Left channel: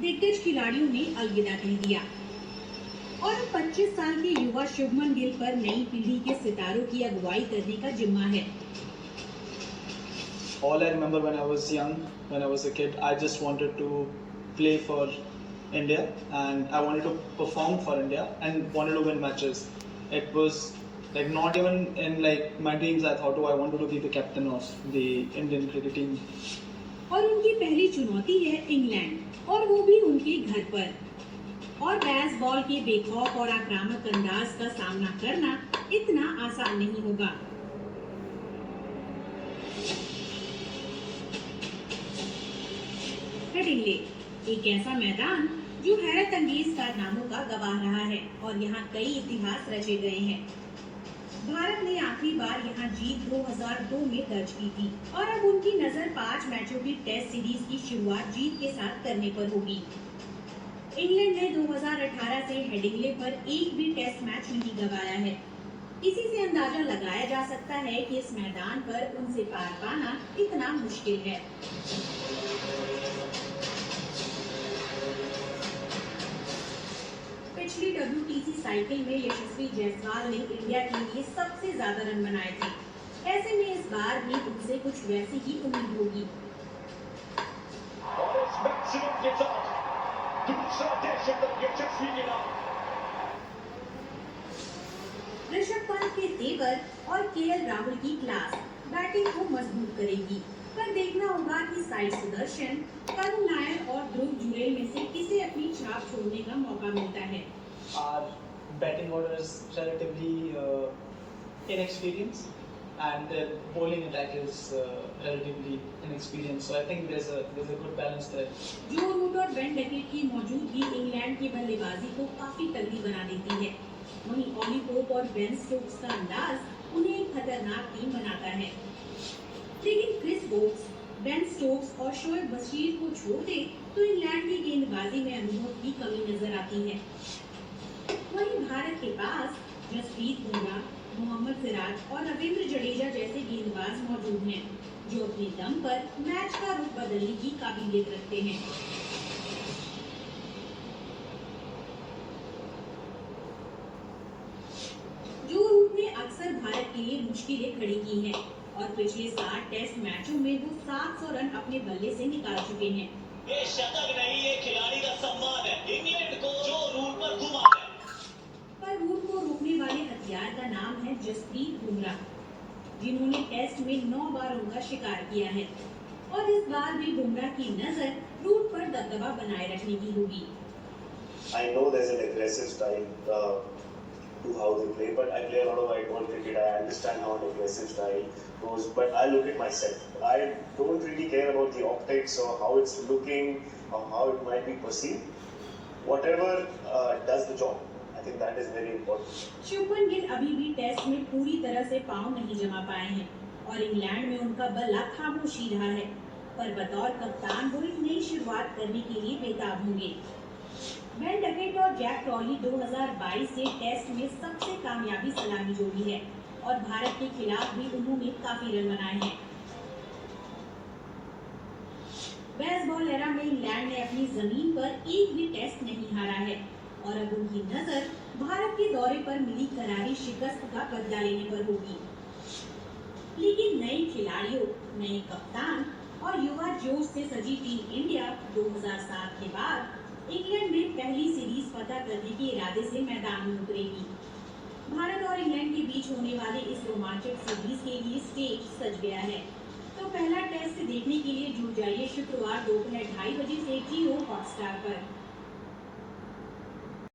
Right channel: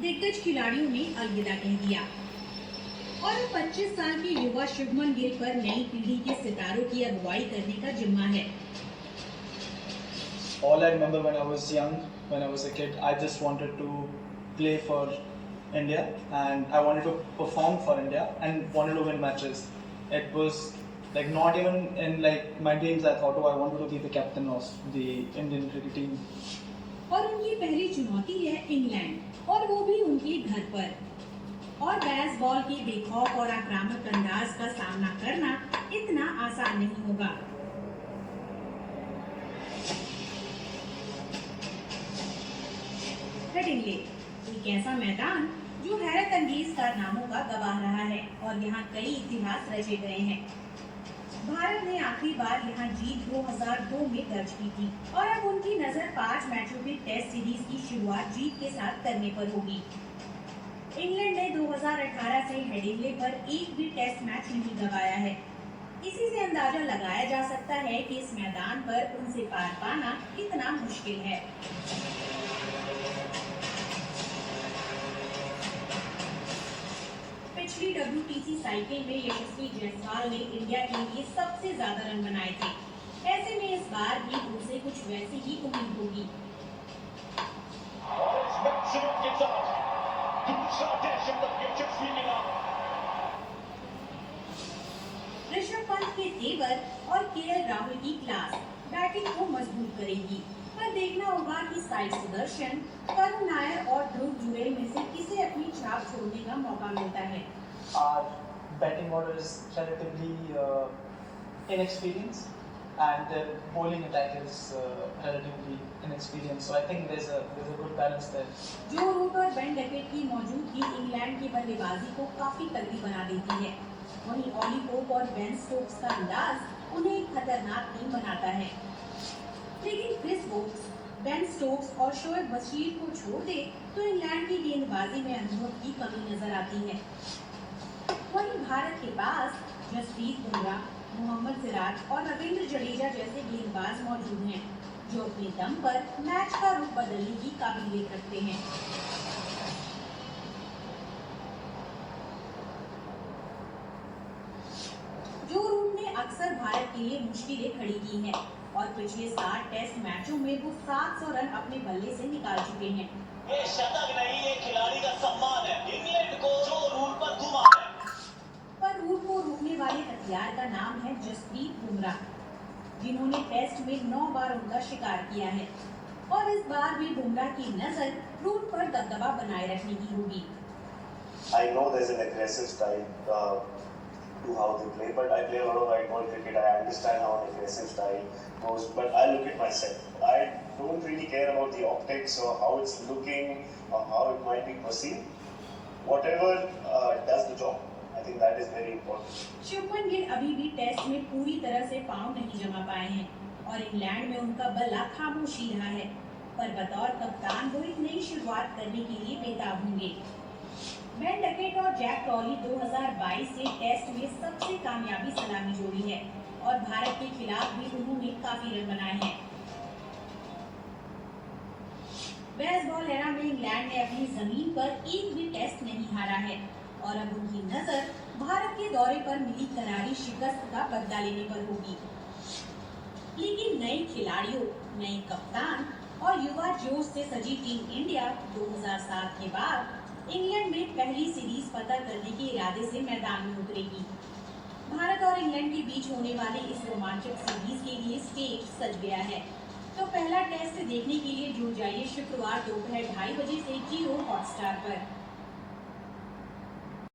दिग्गज खिलाड़ियों ने अलविदा कह दिया और 25 साल के युवा शुभमन गिल पर नई पीढ़ी के सितारों की अगुवाई करने का जिम्मा है। All I remember when I was young, when I was a kid, I just wanted to play for India and I wanted to perform for India and wanted to win matches. It was like not even in like my dreams I thought, oh, I wanted to be the captain of the Indian cricket team. और उनकी पहली चुनौती है England और वो भी उनके घर पर। और बेसबॉल के बेखौफ और आक्रामक अंदाज का सामना करना इतना आसान नहीं होगा। हेडिंग्ले एक ऐसा मैदान जो हैरत अंगेज कारनामों का गवाह रहा है और यहाँ कई इतिहास रचे गए हैं। भारत ने आखिरी बार यहाँ जीत 2002 में दर्ज की थी और अब उनकी नजर 5 मैचों की टेस्ट सीरीज की शुरुआत जीत के साथ करने पर होगी। इंग्लैंड ने 2018 से हेडिंग्ले पर एक भी टेस्ट मैच नहीं गंवाया है। इसी से अंदाजा लगाया जा सकता है कि इस मैदान पर उनसे पार पाना कितना मुश्किल है। पिछली WTC साइकिल में यशस्वी जायसवाल ने इंडिया के लिए सबसे ज्यादा रन बनाए थे। ऐसे में इस बार भी उनसे कुछ वैसी ही उम्मीद होगी। ऋषभ पंत के तेवर और KL राहुल की क्लास बैटिंग को मजबूत करेगी, पर देखना होगा कि साई सुदर्शन, करुण नायर और ध्रुव जुरेल में से किसे अपनी छाप छोड़ने का मौका मिलता है। Our batting order is relatively inexperienced and their bowling attack is relatively inexperienced. So I think there's a good balance there. जो रूट और बेन डकेट की मौजूदगी इंग्लैंड की बल्लेबाजी को काफी तगड़ी बना देती है। वहीं ऑली पोप और बेन स्टोक्स का अंदाज उन्हें एक खतरनाक टीम बनाता है। लेकिन क्रिस वोक्स, बेन स्टोक्स और शोएब बशीर को छोड़ दे तो इंग्लैंड की गेंदबाजी में अनुभव की कमी नजर आती है। वहीं भारत के पास जसप्रीत बुमराह, मोहम्मद सिराज और रविंद्र जडेजा जैसे गेंदबाज मौजूद हैं, जो अपने दम पर मैच का रुख बदलने की काबिलियत रखते हैं। जो रूट ने अक्सर भारत के लिए मुश्किलें खड़ी की हैं और पिछले 7 टेस्ट मैचों में वो 700 रन अपने बल्ले से निकाल चुके हैं। ये शतक नहीं, ये खिलाड़ी का सम्मान है इंग्लैंड को जो रूट पर घुमा है। पर रूट को रोकने वाले हथियार का नाम है जसप्रीत बुमराह, जिन्होंने टेस्ट में 9 बार उनका शिकार किया है और इस बार भी बुमराह की नजर रूट पर दबदबा बनाए रखने की होगी। I know there's an aggressive style to how they play, but I play a lot of white ball cricket. I understand how an aggressive style goes, but I look at myself. I don't really care about the optics or how it's looking or how it might be perceived. Whatever does the job. I think that is very important. Shubman Gill अभी भी test में पूरी तरह से पांव नहीं जमा पाए हैं और इंग्लैंड में उनका बल्ला खामोश ही रहा है, पर बतौर कप्तान वो एक नई शुरुआत करने के लिए बेताब होंगे। बेन डकेट और जैक क्रॉली 2022 से टेस्ट में सबसे कामयाबी सलामी जोड़ी है और भारत के खिलाफ भी उन्होंने काफी रन बनाए हैं। बेसबॉल एरा में इंग्लैंड ने अपनी जमीन पर एक भी टेस्ट नहीं हारा है और अब उनकी नजर भारत के दौरे पर मिली करारी शिकस्त का बदला लेने पर होगी। लेकिन नए खिलाड़ियों, नए कप्तान और युवा जोश से सजी टीम इंडिया 2007 के बाद इंग्लैंड में पहली सीरीज फतह करने के इरादे से मैदान में उतरेगी। भारत और इंग्लैंड के बीच होने वाले इस रोमांचक सीरीज के लिए स्टेज सज गया है, तो पहला टेस्ट देखने के लिए जुट जाइए शुक्रवार दोपहर 2:30 बजे से जियो हॉटस्टार पर।